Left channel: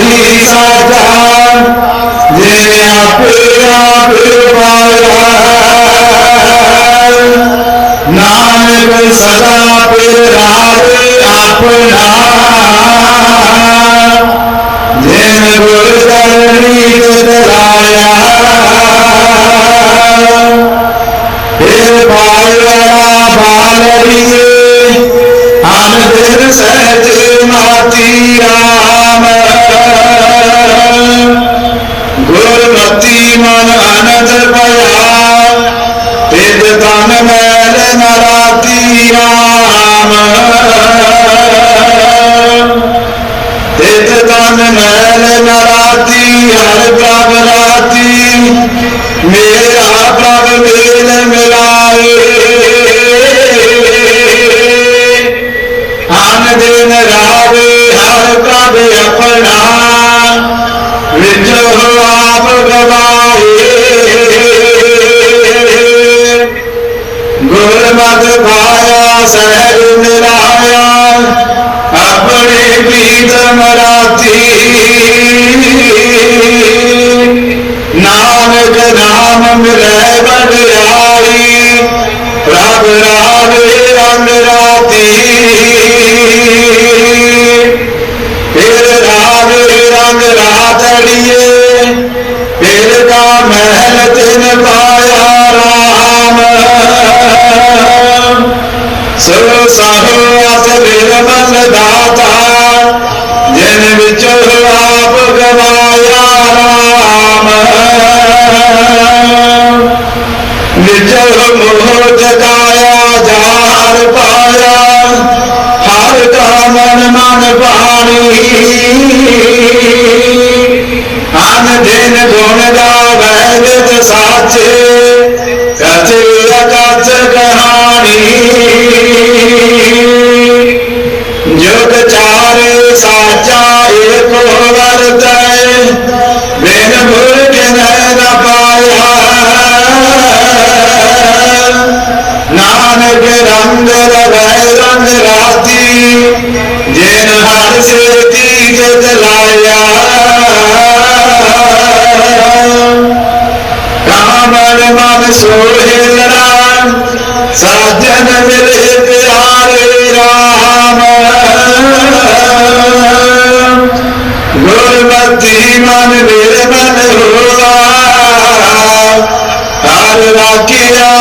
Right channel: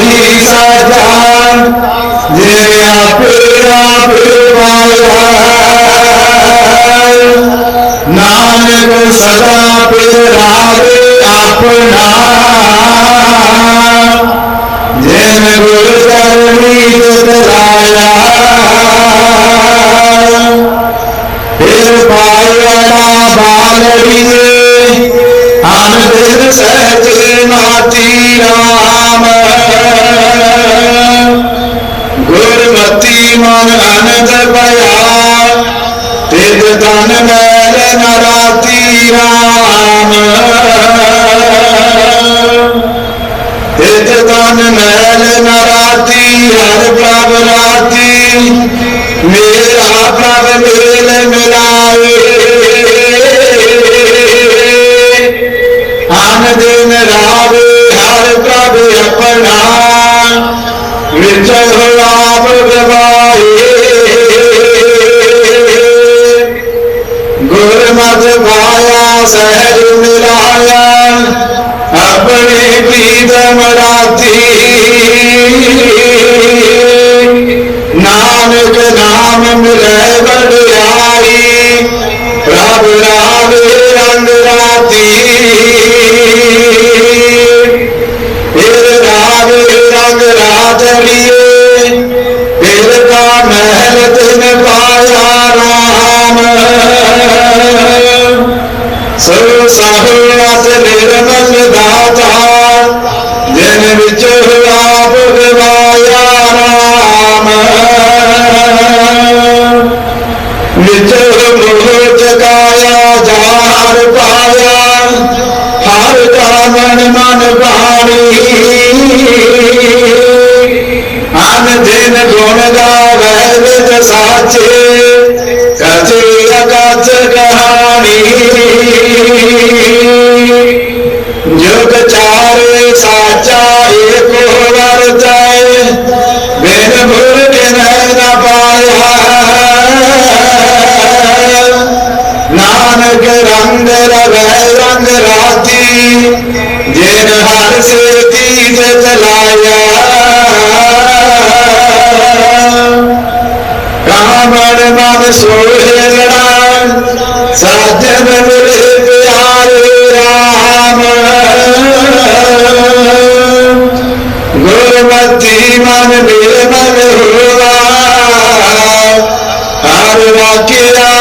मेरी सजान जिया पेरा पे नानक सदा पेरावे अपना जिन गुरु चरणी गुजराया फिर पायड़ा बालड़ी अन फिर सहजी माती ਰਾਮ। ਤੇਤ ਤਨ ਮੈਲ ਨਰਾਤੀ ਹਰ ਪ੍ਰਭ ਰਾਤੀ। ਮੇਰਾ ਪ੍ਰਭ ਗੁਰਮਤਿ ਭਾਇਆ ਸਹਿਜ ਮਿਲਾਇਆ ਆਪਣੇ ਪੀਰ ਮਰਾਤੀ। ਨਾਨਕ ਨਾਮ ਮਿਲੇ ਬੜਿਆਈ ਪ੍ਰਭ ਰਾ ਨਿਜ ਮੋਹ ਜਗਾਇਆ ਜਾਰ ਪਾਇਆ। ਹਰ ਕਾਮਨ ਮਨ ਭਾਰੀ ਆਨ ਦਿਨ ਗੁਣ ਦਾ ਵੈਦ ਸਾਚੇ। ਮਨ ਮਨ ਸੋਹੇ ਰਾਮ ਸਾਜਨ ਮਿਲੇ ਪਿਆਰੇ ਰਾਮ। ਗੁਰਮਤੀ ਮਨ ਦੇ ਮਨ ਹੋਆ। ਹਰ ਰਾਖਿਆ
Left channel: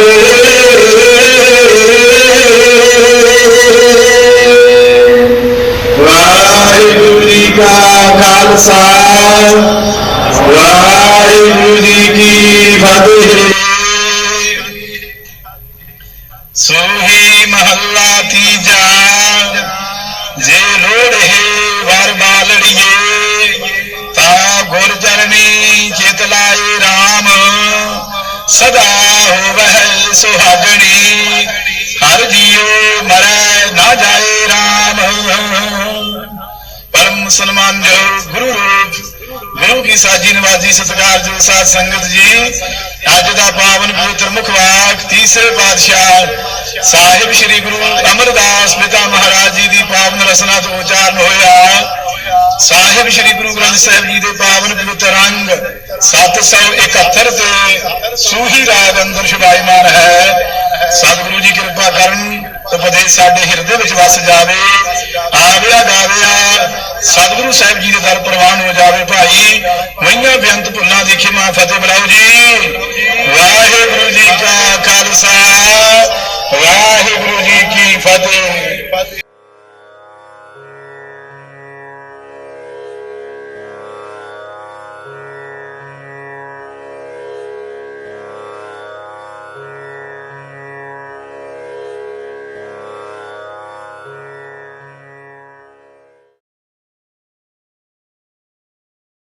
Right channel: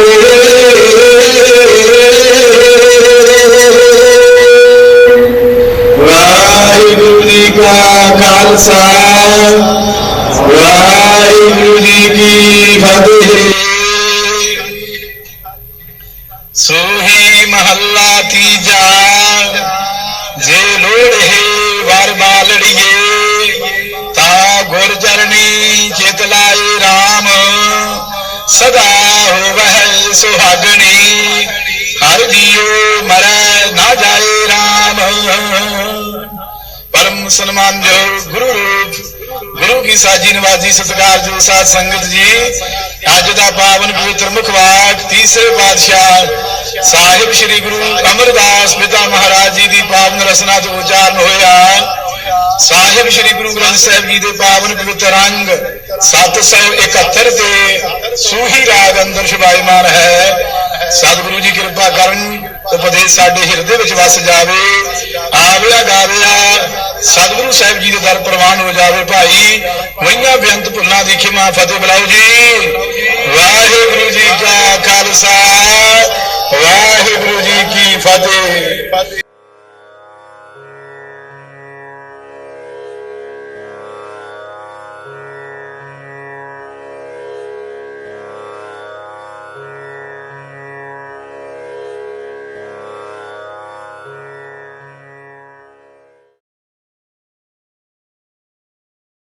Hallelujah. ਸਦਾ ਹੋਵਹਿ ਸੁਹਾਗਣੀ, ਹਰ ਜੀਉ ਮਰੈ ਨਾ ਜਾਏ RAM ਪਰਮ ਸਨਮਾਨ ਜੋ ਗੁਰੂ ਰੂਪ, ਗੁਰੂ ਕੀ ਸਾਜੀ ਨਵਾਜੀ ਸਤਿਕਾਰ ਜੋ ਸਾਧ ਸੰਗਤ ਜੀ, ਅੱਜ ਦਾ ਪਾਵਨ ਪਵਿੱਤਰ ਮੁਖਵਾਕ ਤੀਸਰੇ ਪਾਤਸ਼ਾਹ ਸਾਹਿਬ ਸ੍ਰੀ ਗੁਰੂ ਅਮਰਦਾਸ ਪਿਤਾ ਮਹਾਰਾਜ ਜੀ ਦੀ ਪਾਵਨ ਰਸਨਾ ਤੋਂ ਉਚਾਰਨ ਹੋਇਆ। ਸਾਹਿਬ ਸ੍ਰੀ ਗੁਰੂ ਗ੍ਰੰਥ ਸਾਹਿਬ ਜੀ ਦੇ ਪਾਵਨ ਪਵਿੱਤਰ ਅੰਗ 771 ਤੇ ਸੂਹੀ ਰਾਗ ਅੰਦਰ ਸ਼ੁਭਾਈਮਾਨ ਹੈ। ਸਤਿਗੁਰੂ ਜੀ ਕਿਰਪਾ ਕਰਨ, ਉਪਦੇਸ਼ ਸਾਡੇ ਹਿਰਦੇ ਵਿੱਚ ਵਸ ਜਾਵੇ ਆਵਿਆ ਗਾਵਿਆ, ਸਤਿਗੁਰੂ ਸਾਹਿਬ ਜੀ ਦੇ ਦਰ ਪ੍ਰਵਾਨ ਹੋ ਜਾਵੇ ਭਾਈ। ਮਈਆਂ ਬੇਅੰਤ ਭੁੱਲਾਂ ਦੀ ਖਿਮਾ ਫਤਿਹ ਬੁਲਾਓ ਜੀ। ਵਾਹਿਗੁਰੂ ਜੀ ਕਾ ਖਾਲਸਾ, ਵਾਹਿਗੁਰੂ ਜੀ ਕੀ ਫਤਿਹ।